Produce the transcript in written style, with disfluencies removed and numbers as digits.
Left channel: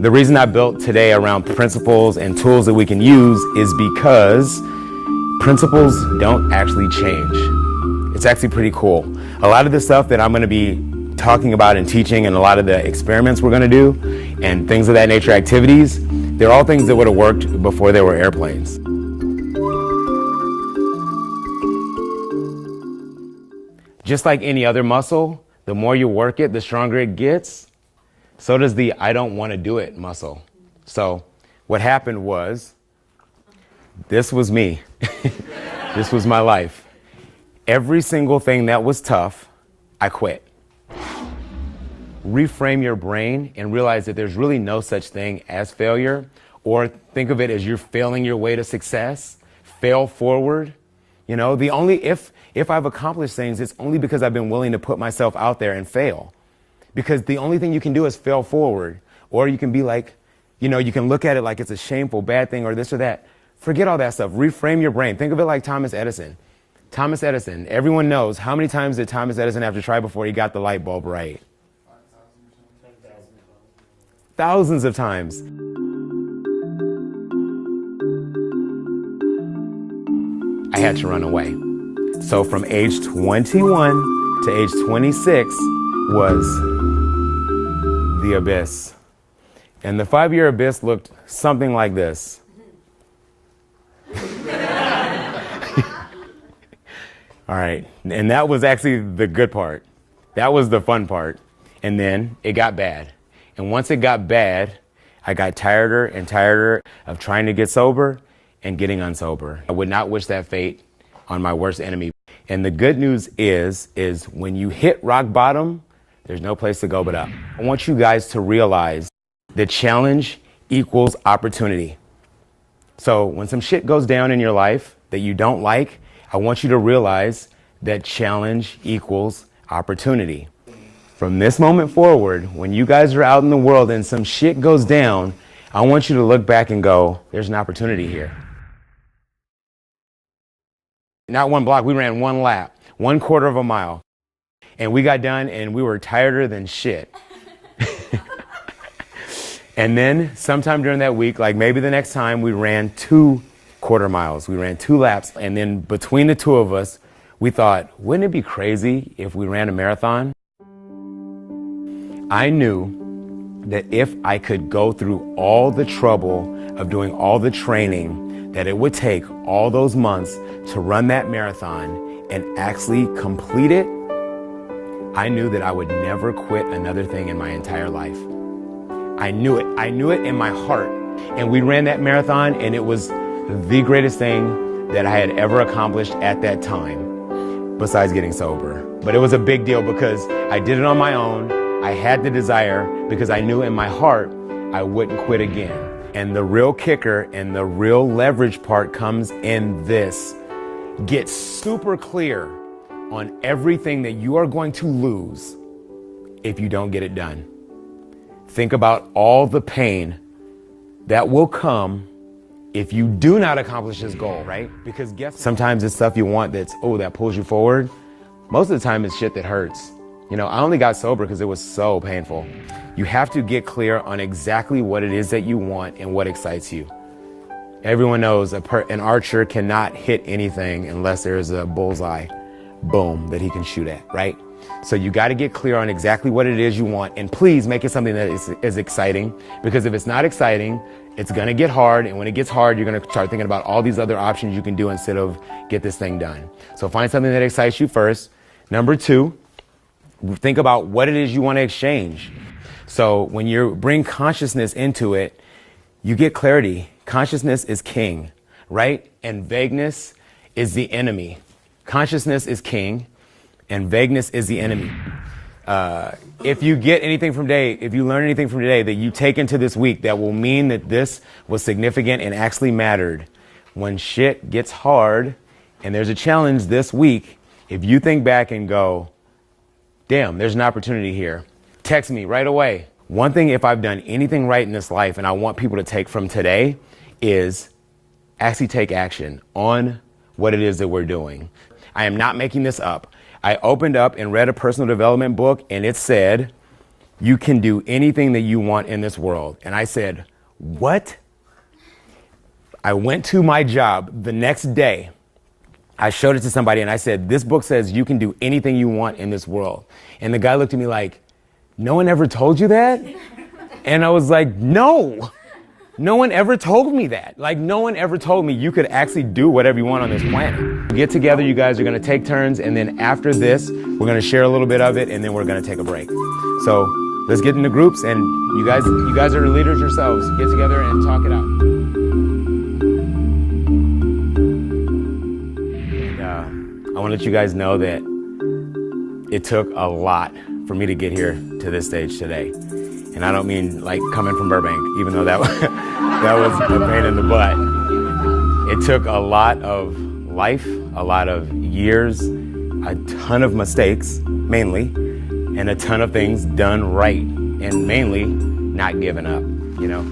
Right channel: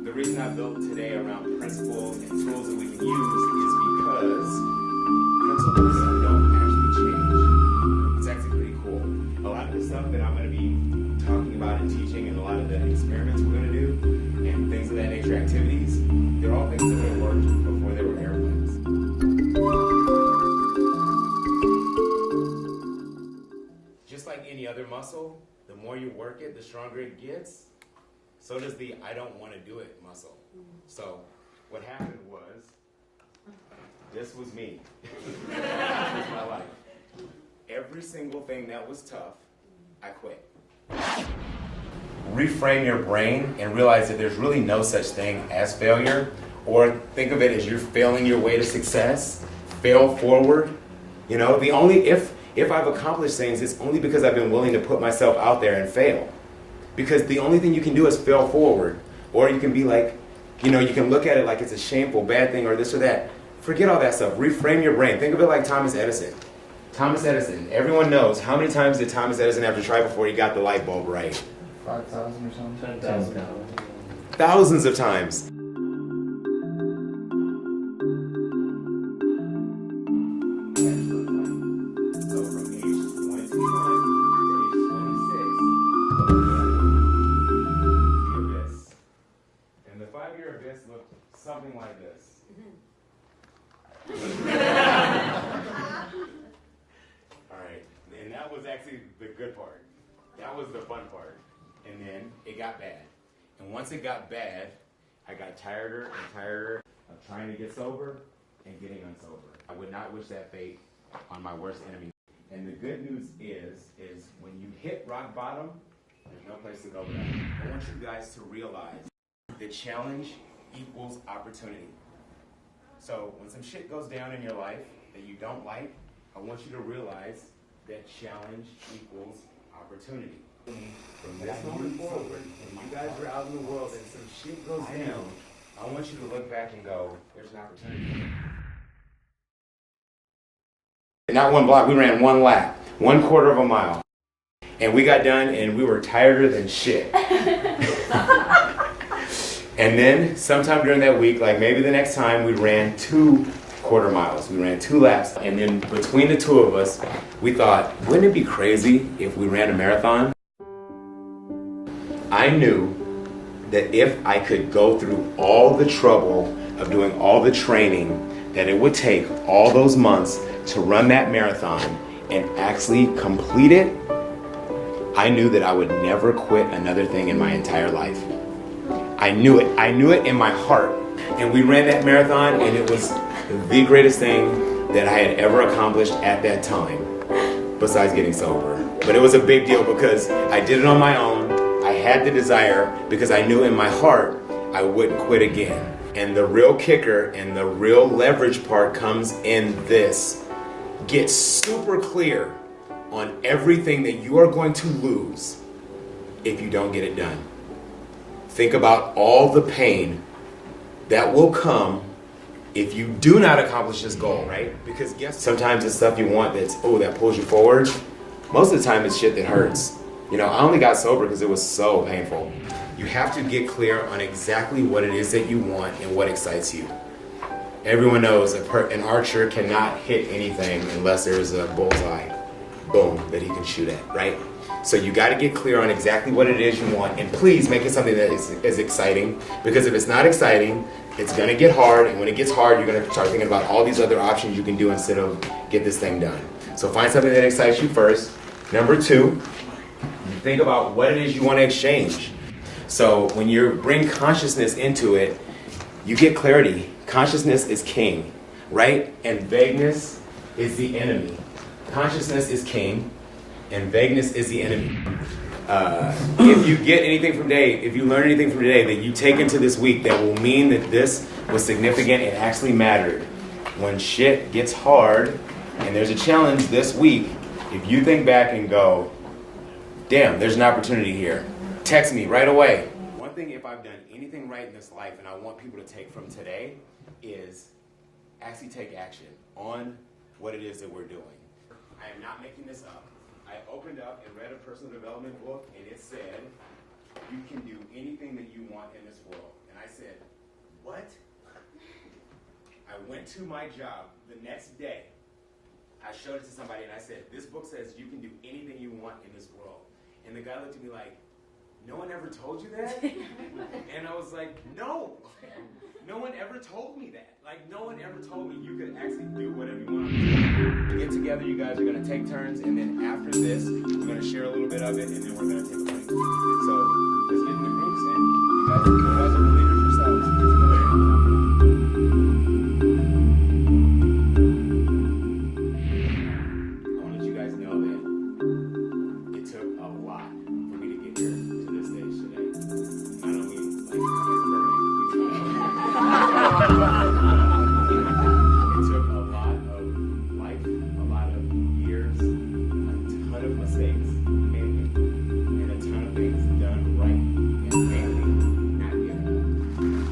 The reason I built today around principles and tools that we can use is because principles don't actually change. It's actually pretty cool. A lot of the stuff that I'm going to be talking about and teaching, and a lot of the experiments we're going to do and things of that nature, activities, they're all things that would have worked before there were airplanes. Just like any other muscle, the more you work it, the stronger it gets. So does the I don't want to do it muscle. So what happened was, this was me. This was my life. Every single thing that was tough, I quit. Reframe your brain and realize that there's really no such thing as failure, or think of it as you're failing your way to success. Fail forward. You know, the only, if I've accomplished things, it's only because I've been willing to put myself out there and fail. Because the only thing you can do is fail forward. Or you can be like, you know, you can look at it like it's a shameful, bad thing or this or that. Forget all that stuff. Reframe your brain. Think of it like Thomas Edison. Thomas Edison, everyone knows, how many times did Thomas Edison have to try before he got the light bulb right? 5,000 or something? 10,000. Thousands of times. I had to run away. So from age 21 to age 26 was the abyss. And the 5-year abyss looked something like this. All right, and that was actually the good part. That was the fun part. And then it got bad. And once it got bad, I got tireder and tireder of trying to get sober and getting unsober. I would not wish that fate on my worst enemy. And the good news is when you hit rock bottom, there's no place to go but up. I want you guys to realize that challenge equals opportunity. So when some shit goes down in your life that you don't like, I want you to realize that challenge equals opportunity. From this moment forward, when you guys are out in the world and some shit goes down, I want you to look back and go, there's an opportunity here. Not one block, we ran one lap, 1/4 of a mile. And we got done and we were tireder than shit. And then sometime during that week, like maybe the next time, we ran 2 quarter miles. We ran 2 laps. And then between the two of us, we thought, wouldn't it be crazy if we ran a marathon? I knew that if I could go through all the trouble of doing all the training that it would take all those months to run that marathon and actually complete it, I knew that I would never quit another thing in my entire life. I knew it. I knew it in my heart. And we ran that marathon, and it was the greatest thing that I had ever accomplished at that time, besides getting sober. But it was a big deal because I did it on my own. I had the desire because I knew in my heart I wouldn't quit again. And the real kicker and the real leverage part comes in this. Get super clear on everything that you are going to lose if you don't get it done. Think about all the pain that will come if you do not accomplish this goal, right? Because sometimes it's stuff you want that pulls you forward. Most of the time it's shit that hurts. You know, I only got sober because it was so painful. You have to get clear on exactly what it is that you want and what excites you. Everyone knows an archer cannot hit anything unless there's a bullseye, boom, that he can shoot at, right? So you got to get clear on exactly what it is you want, and please make it something that is exciting, because if it's not exciting, it's going to get hard, and when it gets hard, you're going to start thinking about all these other options you can do instead of get this thing done. So find something that excites you first. Number 2, think about what it is you want to exchange. So when you bring consciousness into it, you get clarity. Consciousness is king, right? And vagueness is the enemy. Consciousness is king, and vagueness is the enemy. If you get anything from today, if you learn anything from today that you take into this week that will mean that this was significant and actually mattered, when shit gets hard and there's a challenge this week, if you think back and go, damn, there's an opportunity here, text me right away. One thing, if I've done anything right in this life and I want people to take from today, is actually take action on what it is that we're doing. I am not making this up. I opened up and read a personal development book, and it said, you can do anything that you want in this world. And I said, what? I went to my job the next day. I showed it to somebody and I said, this book says you can do anything you want in this world. And the guy looked at me like, no one ever told you that? And I was like, no one ever told me that. Like, no one ever told me you could actually do whatever you want on this planet. Get together, you guys are gonna take turns, and then after this, we're gonna share a little bit of it, and then we're gonna take a break. So let's get into groups, and you guys are the leaders yourselves. Get together and talk it out. And, I wanna let you guys know that it took a lot for me to get here to this stage today. And I don't mean like coming from Burbank, even though that was a pain in the butt. It took a lot of life, a lot of years, a ton of mistakes, mainly, and a ton of things done right, and mainly not giving up, you know?